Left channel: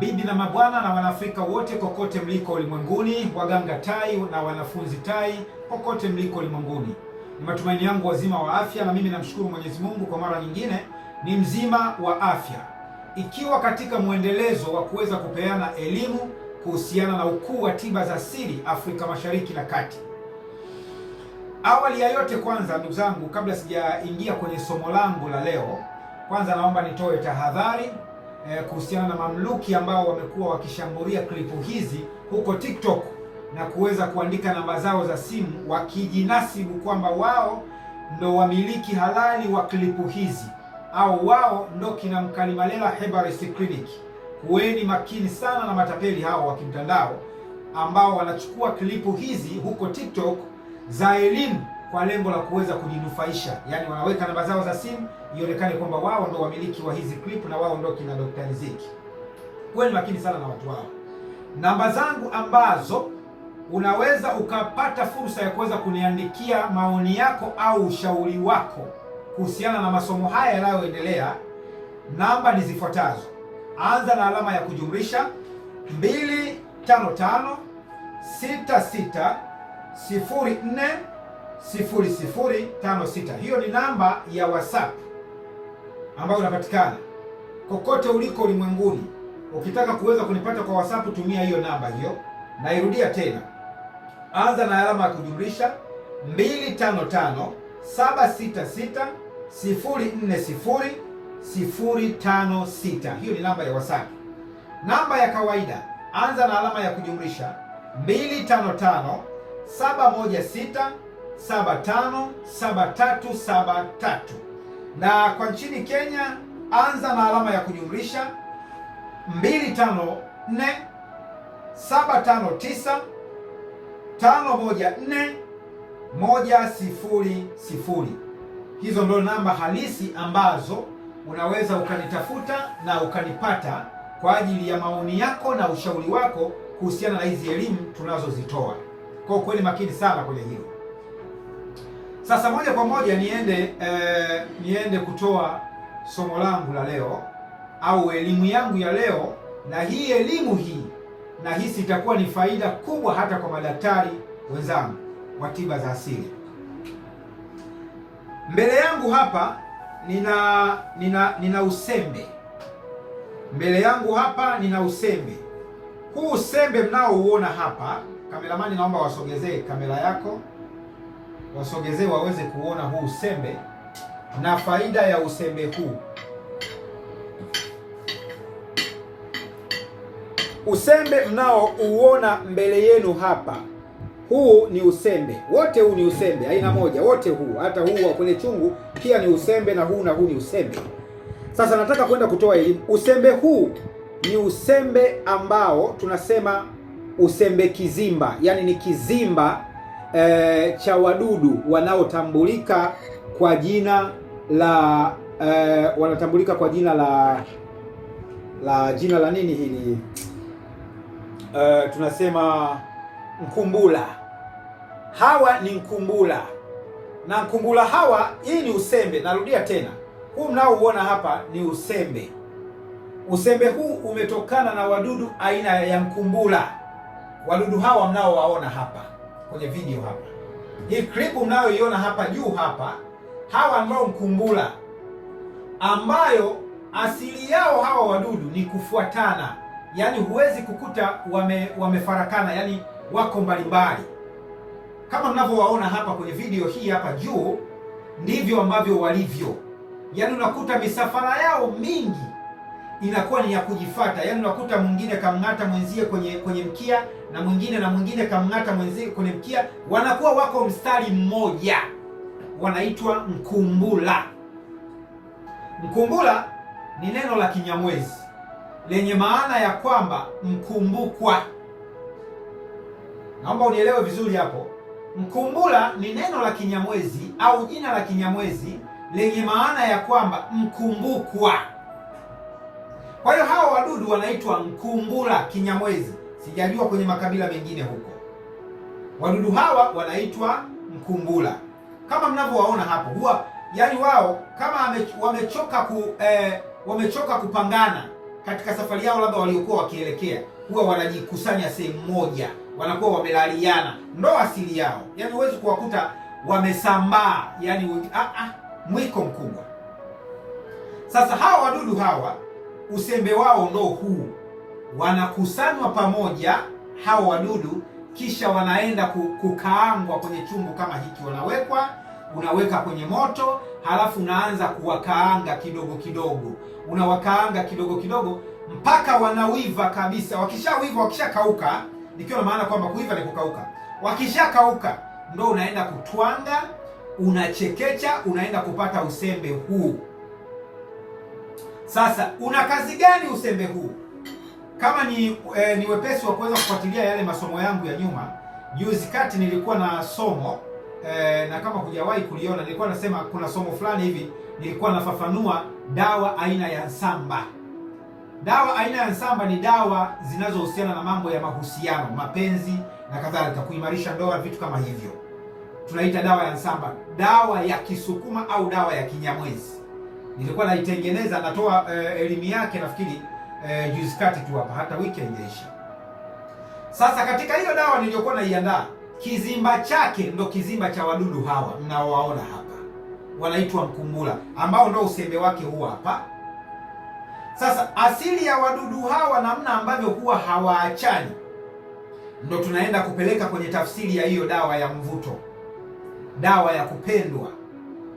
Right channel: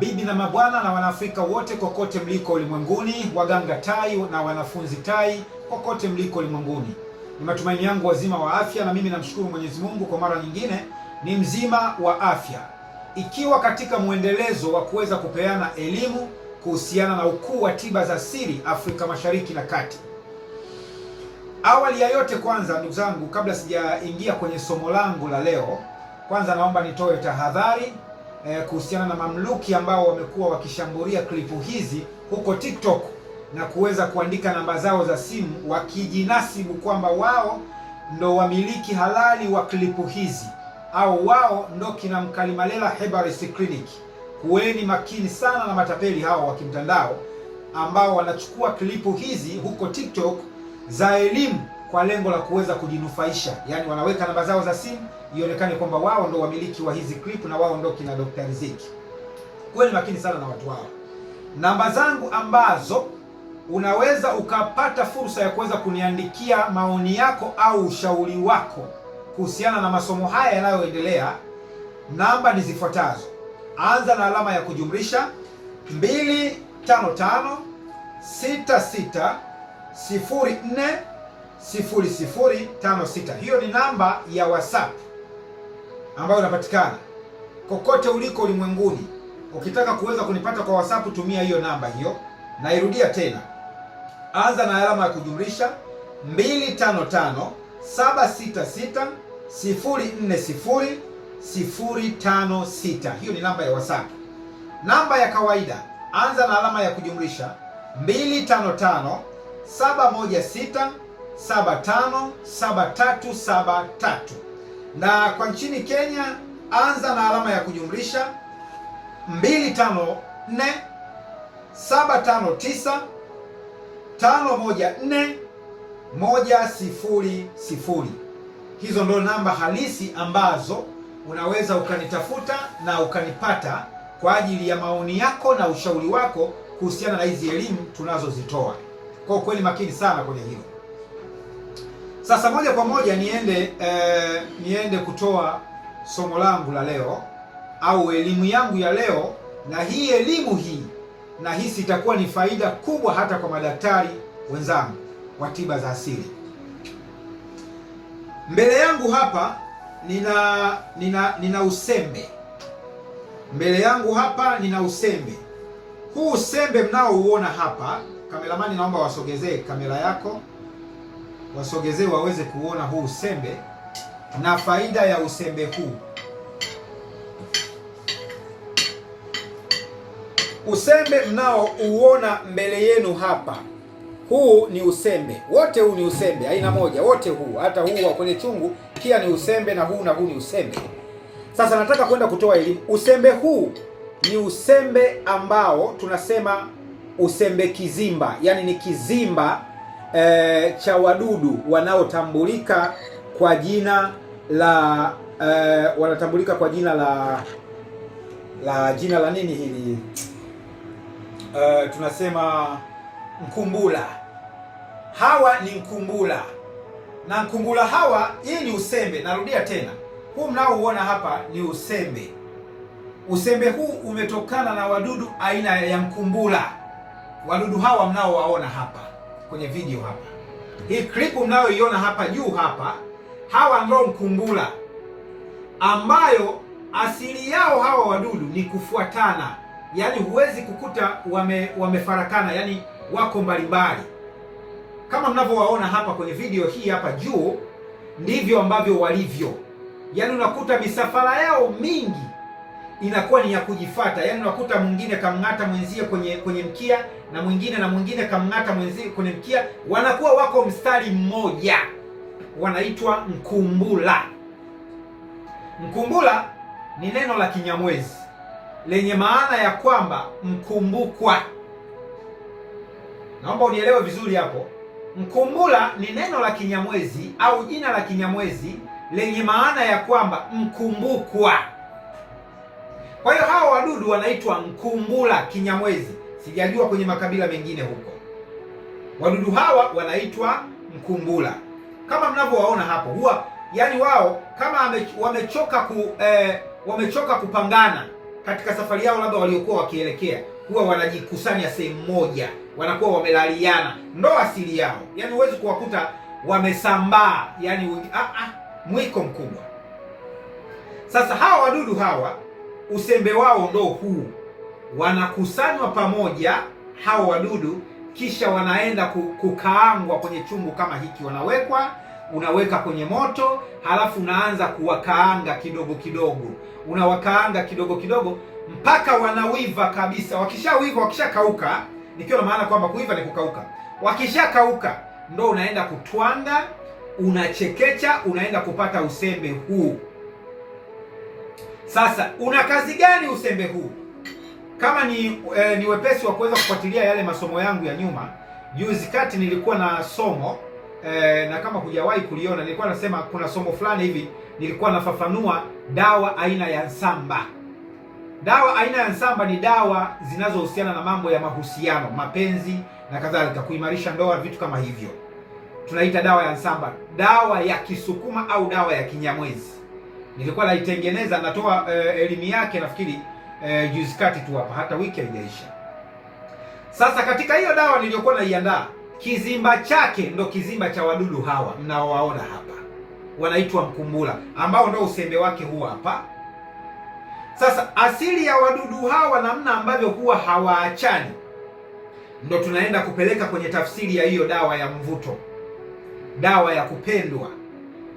Mabibi na mabwana na Wanaafrika wote kokote mliko ulimwenguni, waganga tai na wanafunzi tai kokote mliko ulimwenguni, ni matumaini yangu wazima wa afya, na mimi namshukuru Mwenyezi Mungu kwa mara nyingine ni mzima wa afya, ikiwa katika mwendelezo wa kuweza kupeana elimu kuhusiana na ukuu wa tiba za asili Afrika Mashariki na Kati. Awali ya yote, kwanza ndugu zangu, kabla sijaingia kwenye somo langu la leo, kwanza naomba nitoe tahadhari kuhusiana na mamluki ambao wamekuwa wakishambulia klipu hizi huko TikTok na kuweza kuandika namba zao za simu wakijinasibu kwamba wao ndo wamiliki halali wa klipu hizi au wao ndo kina Mkalimalela Herbal Clinic. Kuweni makini sana na matapeli hao wa kimtandao ambao wanachukua klipu hizi huko TikTok za elimu kwa lengo la kuweza kujinufaisha. Yaani wanaweka namba zao za simu ionekane kwamba wao ndo wamiliki wa hizi klipu na wao ndo kina Dr. Riziki. Kuweni makini sana na watu hao. Namba zangu ambazo unaweza ukapata fursa ya kuweza kuniandikia maoni yako au ushauri wako kuhusiana na masomo haya yanayoendelea, namba ni zifuatazo. Anza na alama ya kujumlisha 255 66 04 0056. Hiyo ni namba ya WhatsApp ambayo inapatikana kokote uliko ulimwenguni. Ukitaka kuweza kunipata kwa WhatsApp, tumia hiyo namba hiyo. Nairudia tena, anza na alama ya kujumlisha 255 766 040 056. Hiyo ni namba ya WhatsApp. Namba ya kawaida, anza na alama ya kujumlisha 255 716 757373. Na kwa nchini Kenya, anza na alama ya kujumlisha 254 759 514 100. Hizo ndio namba halisi ambazo unaweza ukanitafuta na ukanipata kwa ajili ya maoni yako na ushauri wako kuhusiana na hizi elimu tunazozitoa. Kwa kweli makini sana kwenye hilo. Sasa moja kwa moja niende kutoa somo langu la leo au elimu yangu ya leo, na hii elimu hii nahisi itakuwa ni faida kubwa hata kwa madaktari wenzangu wa tiba za asili. Mbele yangu hapa nina usembe. Mbele yangu hapa nina usembe. Huu usembe mnaouona hapa, kameramani naomba wasogezee kamera yako, wasogezee waweze kuona huu usembe na faida ya usembe huu. Usembe mnaouona mbele yenu hapa, huu ni usembe. Wote huu ni usembe, aina moja, wote huu. Hata huu wa kwenye chungu pia ni usembe, na huu ni usembe. Sasa nataka kwenda kutoa elimu. Usembe huu ni usembe ambao tunasema usembe kizimba, yaani ni kizimba cha wadudu wanaotambulika kwa jina la wanatambulika kwa jina la jina la nini hili? Tunasema mkumbula. Hawa ni mkumbula, na mkumbula hawa, hii ni usembe. Narudia tena, huu mnaouona hapa ni usembe. Usembe huu umetokana na wadudu aina ya mkumbula. Wadudu hawa mnaowaona hapa kwenye video hapa, hii klipu mnayoiona hapa juu hapa, hawa ndio mkumbula, ambayo asili yao hawa wadudu ni kufuatana. Yaani huwezi kukuta wamefarakana, yaani wako mbalimbali. Kama mnavyowaona hapa kwenye video hii hapa juu, ndivyo ambavyo walivyo. Yaani unakuta misafara yao mingi inakuwa ni ya kujifuata. Yaani unakuta mwingine kamng'ata mwenzie kwenye mkia, na mwingine kamng'ata mwenzie kwenye mkia, wanakuwa wako mstari mmoja, wanaitwa mkumbula. Mkumbula ni neno la Kinyamwezi lenye maana ya kwamba mkumbukwa. Naomba unielewe vizuri hapo. Mkumbula ni neno la Kinyamwezi au jina la Kinyamwezi lenye maana ya kwamba mkumbukwa. Kwa hiyo hawa wadudu wanaitwa mkumbula Kinyamwezi. Sijajua kwenye makabila mengine huko. Wadudu hawa wanaitwa mkumbula. Kama mnavyowaona hapo, huwa yani wao kama wamechoka kupangana, katika safari yao labda waliokuwa wakielekea, huwa wanajikusanya sehemu moja, wanakuwa wamelaliana, ndo asili yao. Yaani huwezi kuwakuta wamesambaa, yaani mwiko mkubwa. Sasa hawa wadudu hawa usembe wao ndo huu, wanakusanywa pamoja hawa wadudu, kisha wanaenda kukaangwa kwenye chungu kama hiki. Unaweka kwenye moto, halafu unaanza kuwakaanga kidogo kidogo, unawakaanga kidogo kidogo mpaka wanawiva kabisa. Wakishawiva, wakishakauka, nikiwa na maana kwamba kuiva ni kukauka. Wakishakauka ndo unaenda kutwanga, unachekecha, unaenda kupata usembe huu. Sasa una kazi gani usembe huu? Kama ni wepesi wa kuweza kufuatilia yale masomo yangu ya nyuma, juzi kati nilikuwa na somo na kama hujawahi kuliona, nilikuwa nasema kuna somo fulani hivi, nilikuwa nafafanua dawa aina ya nsamba. Dawa aina ya nsamba ni dawa zinazohusiana na mambo ya mahusiano, mapenzi na kadhalika, kuimarisha ndoa, vitu kama hivyo. Tunaita dawa ya nsamba, dawa ya Kisukuma au dawa ya Kinyamwezi. Nilikuwa naitengeneza, natoa elimu yake nafikiri juzi kati tu hapa, hata wiki haijaisha. Sasa katika hiyo dawa niliyokuwa naiandaa, kizimba chake ndo kizimba cha wadudu hawa mnaowaona hapa, wanaitwa mkumbula, ambao ndo usembe wake huwa hapa. Sasa asili ya wadudu hawa, namna ambavyo huwa hawaachani, ndo tunaenda kupeleka kwenye tafsiri ya hiyo dawa ya mvuto, dawa ya kupendwa,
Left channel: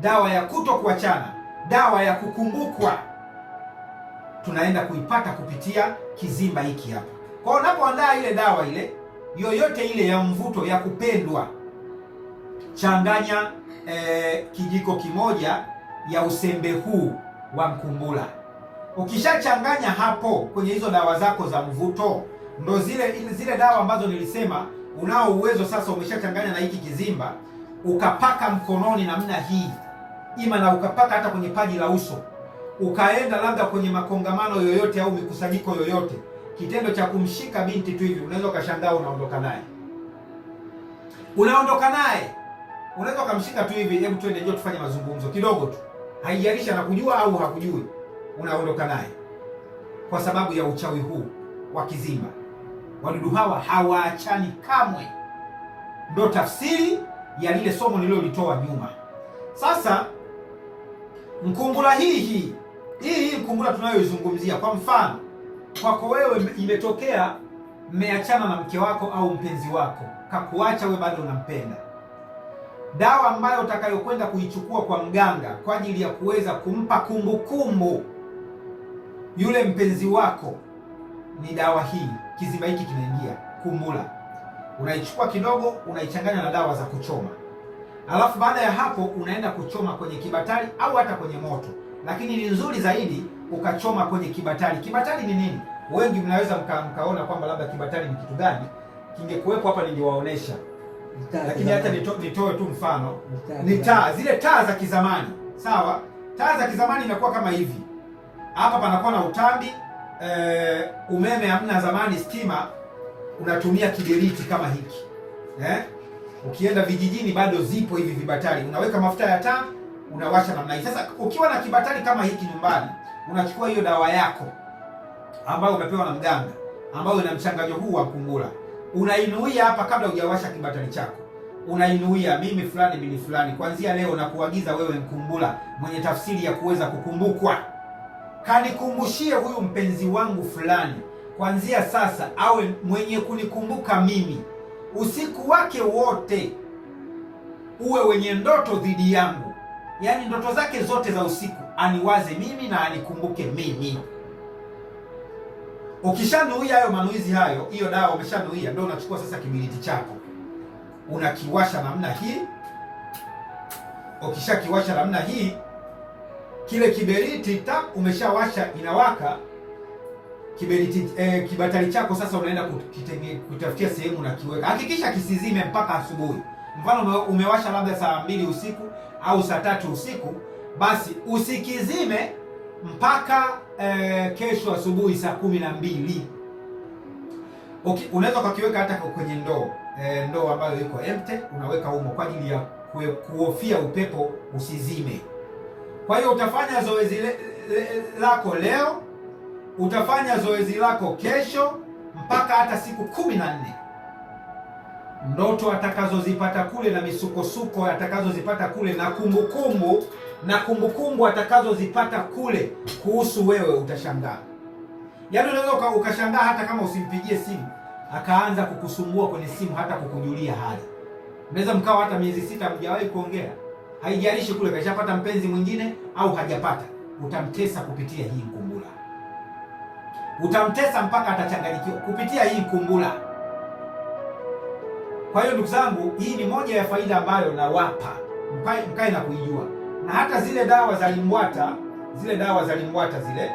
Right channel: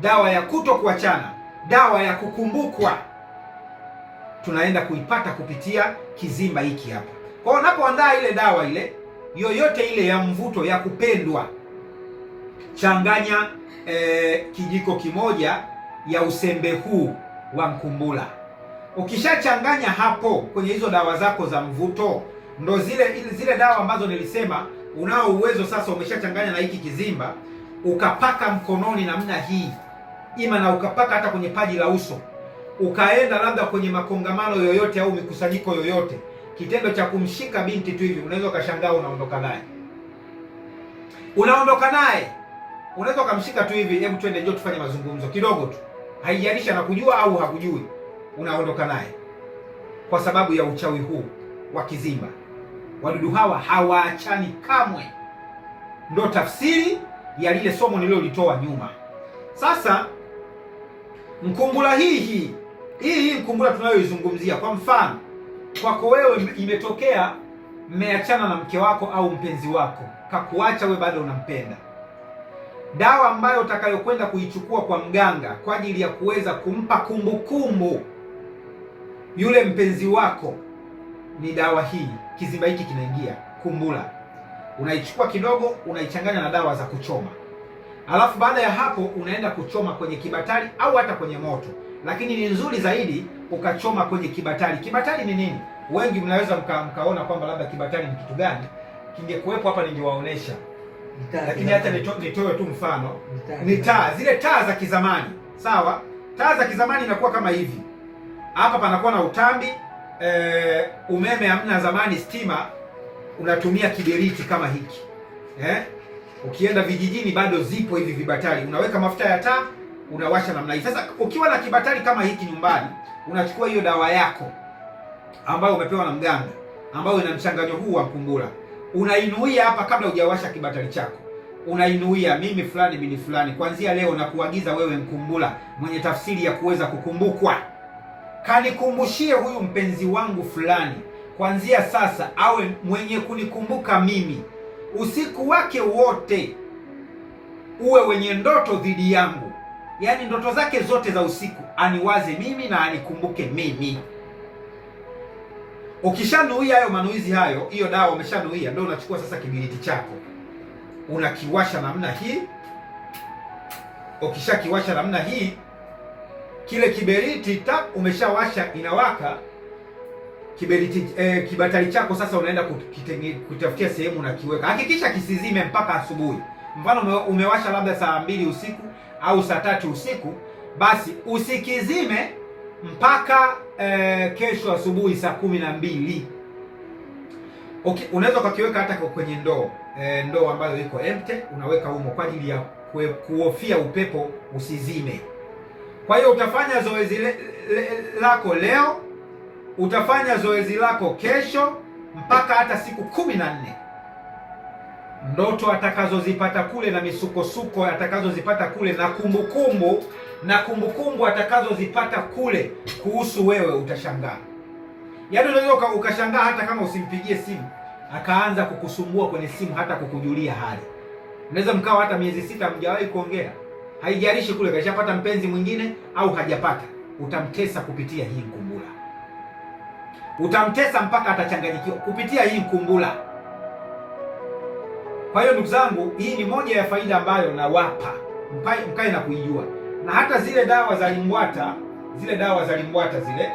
dawa ya kuto kuachana, dawa ya kukumbukwa, tunaenda kuipata kupitia kizimba hiki hapa. Kwa hiyo unapoandaa ile dawa ile yoyote ile ya mvuto ya kupendwa, changanya kijiko kimoja ya usembe huu wa mkumbula. Ukishachanganya hapo kwenye hizo dawa zako za mvuto, ndo zile dawa ambazo nilisema unao uwezo sasa, umeshachanganya na hiki kizimba, ukapaka mkononi namna hii, ima na ukapaka hata kwenye paji la uso, ukaenda labda kwenye makongamano yoyote au mikusanyiko yoyote, kitendo cha kumshika binti tu hivi, unaweza ukashangaa unaondoka naye, unaweza ukamshika tu hivi, hebu twende, njoo tufanye mazungumzo kidogo tu, haijalishi anakujua au hakujui, unaondoka naye kwa sababu ya uchawi huu wa kizimba. Wadudu hawa hawaachani kamwe, ndo tafsiri ya lile somo nililolitoa nyuma. Sasa mkumbula hii mkumbula tunayoizungumzia, kwa mfano kwako wewe imetokea mmeachana na mke wako au mpenzi wako, kakuacha, wewe bado unampenda, dawa ambayo utakayokwenda kuichukua kwa mganga kwa ajili ya kuweza kumpa kumbukumbu yule mpenzi wako ni dawa hii. Kizimba hiki kinaingia kumbula, unaichukua kidogo, unaichanganya na dawa za kuchoma, alafu baada ya hapo unaenda kuchoma kwenye kibatari au hata kwenye moto, lakini ni nzuri zaidi ukachoma kwenye kibatari. Kibatari ni nini? Wengi mnaweza mkaona kwamba labda kibatari ni kitu gani. Kingekuwepo hapa ningewaonesha, lakini hata nitoe tu mfano. Ni taa, zile taa za kizamani, sawa? Taa za kizamani inakuwa kama hivi, hapa panakuwa na utambi, umeme hamna zamani, stima, unatumia kiberiti kama hiki, ukienda vijijini bado zipo hivi vibatari, unaweka mafuta ya taa, unawasha namna hii. Sasa ukiwa na kibatari kama hiki nyumbani, unachukua hiyo dawa yako ambayo umepewa na mganga, ambayo ina mchanganyo huu wa mkumbula, unainuia hapa kabla hujawasha kibatari chako, unainuia, mimi fulani bini fulani, kuanzia leo na kuagiza wewe mkumbula mwenye tafsiri ya kuweza kukumbukwa, kanikumbushie huyu mpenzi wangu fulani, kuanzia sasa awe mwenye kunikumbuka mimi, usiku wake wote uwe wenye ndoto dhidi yangu, yaani ndoto zake zote za usiku aniwaze mimi na anikumbuke mimi. Ukishanuia hayo manuizi hayo, hiyo dawa umeshanuia, ndio unachukua sasa kibiriti chako, unakiwasha namna hii. Ukishakiwasha namna hii, kile kiberiti umeshawasha, inawaka kiberiti, kibatari chako sasa unaenda kutafutia sehemu na kiweka. Hakikisha kisizime mpaka asubuhi. Mfano umewasha labda saa 2 usiku au saa 3 usiku, basi usikizime mpaka kesho asubuhi saa 12. Okay, unaweza ukakiweka hata kwenye ndoo ambayo iko empty, unaweka humo kwa ajili ya kuhofia upepo usizime. Kwa hiyo utafanya zoezi lako leo, Utafanya zoezi lako kesho mpaka hata siku 14. Ndoto atakazozipata kule na misukosuko atakazozipata kule na kumbukumbu atakazozipata kule kuhusu wewe, utashangaa. Yaani unaweza ukashangaa hata kama usimpigie simu akaanza kukusumbua kwenye simu, hata kukujulia hali. Unaweza mkawa hata miezi 6 mjawahi kuongea, haijalishi kule kashapata mpenzi mwingine au hajapata. Utamtesa kupitia hii mkumbula, utamtesa mpaka atachanganyikiwa kupitia hii mkumbula. Kwa hiyo ndugu zangu, hii ni moja ya faida ambayo nawapa mkae na kuijua. Na hata zile dawa za limbwata zile,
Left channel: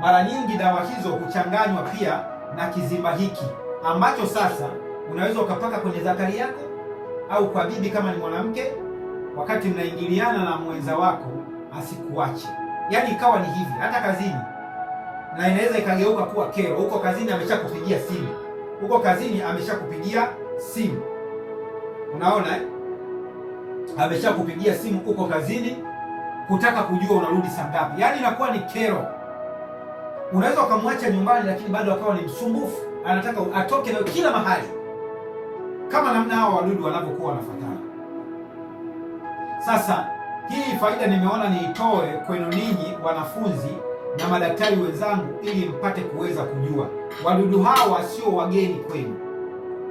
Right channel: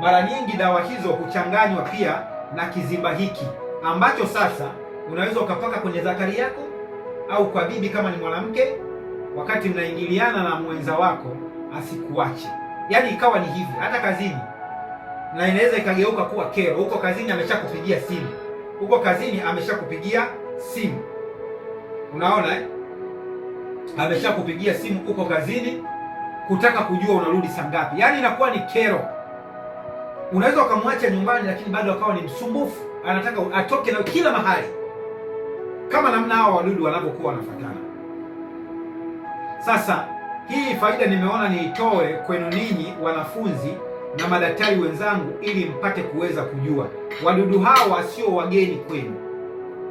mara nyingi dawa hizo huchanganywa pia na kizimba hiki, ambacho sasa unaweza ukapaka kwenye zakari yako au kwa bibi kama ni mwanamke, wakati mnaingiliana na mwenza wako asikuache. Yaani ikawa ni hivi hata kazini, na inaweza ikageuka kuwa kero. Huko kazini ameshakupigia simu, unaona ameshakupigia simu huko kazini kutaka kujua unarudi saa ngapi. Yaani inakuwa ni kero. Unaweza ukamwacha nyumbani, lakini bado akawa ni msumbufu, anataka atoke na kila mahali, kama namna hao wadudu wanapokuwa wanafuatana. Sasa hii faida nimeona niitoe kwenu ninyi wanafunzi na madaktari wenzangu, ili mpate kuweza kujua wadudu hawa sio wageni kwenu.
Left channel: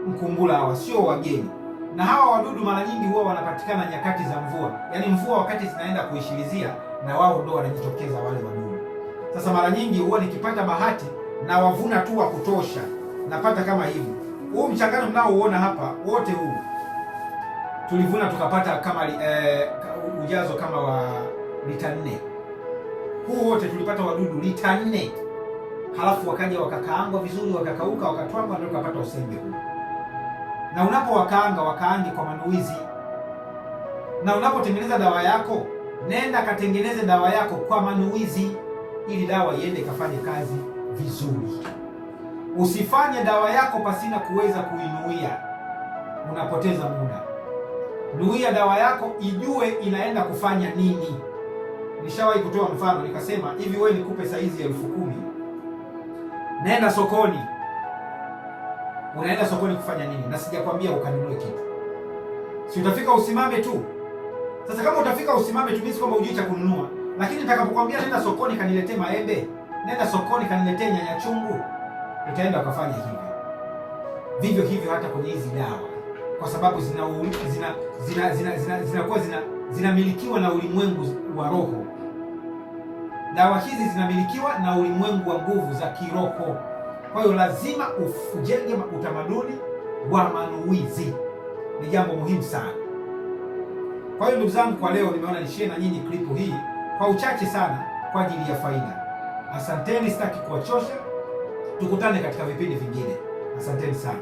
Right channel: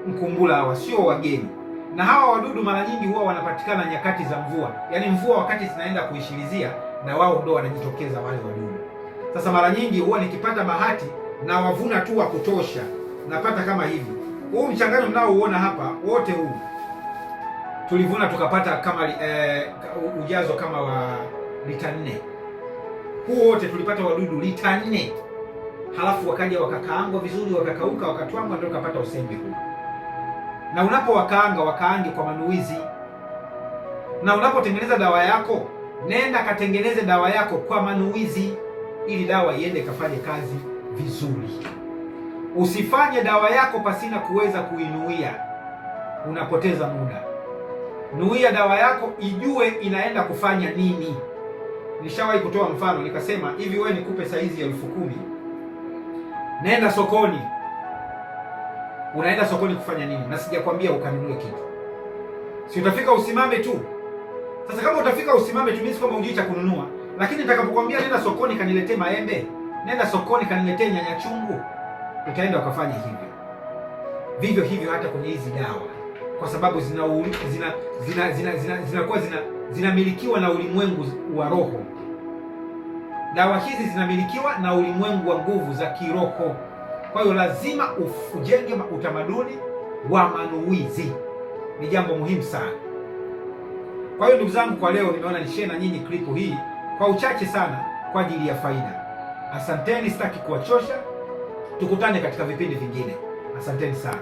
Mkumbula hawa sio wageni, na hawa wadudu mara nyingi huwa wanapatikana nyakati za mvua. Yaani mvua wakati zinaenda kuishilizia, na wao ndo wanajitokeza wale wadudu. Sasa mara nyingi huwa nikipata bahati na wavuna tu wa kutosha, napata kama hivi. Huu mchanganyo mnaouona hapa wote huu tulivuna tukapata kama ujazo kama wa lita 4. Huu wote tulipata wadudu lita 4. Halafu wakaja wakakaangwa vizuri, wakakauka, wakatwangwa, ndio tukapata usembe huu. Na wakaange kwa manuizi. Na unapotengeneza dawa yako, nenda katengeneze dawa yako kwa manuizi, ili dawa iende kafanye kazi vizuri. Usifanye dawa yako pasina kuweza kuinuia, unapoteza muda. Nuia dawa yako, ijue inaenda kufanya nini. Nishawahi kutoa mfano nikasema hivi, wewe nikupe saizi ya 10,000, nenda sokoni. Unaenda sokoni kufanya nini? Na sijakwambia ukanunue kitu, si utafika usimame tu. Sasa kama utafika usimame tu, mimi kwamba hujui cha kununua, lakini nitakapokuambia nenda sokoni kaniletee maembe, nenda sokoni kaniletee nyanya chungu, utaenda ukafanya hivyo. Vivyo hivyo hata kwenye hizi dawa, kwa sababu zinakuwa zinamilikiwa na ulimwengu wa roho. Dawa hizi zinamilikiwa na ulimwengu wa nguvu za kiroho. Kwa hiyo lazima ujenge utamaduni wa manuizi, ni jambo muhimu sana. Kwa hiyo ndugu zangu, kwa leo nimeona nishare na nyinyi klipu hii kwa uchache sana kwa ajili ya faida. Asanteni, sitaki kuwachosha. Tukutane katika vipindi vingine. Asanteni sana.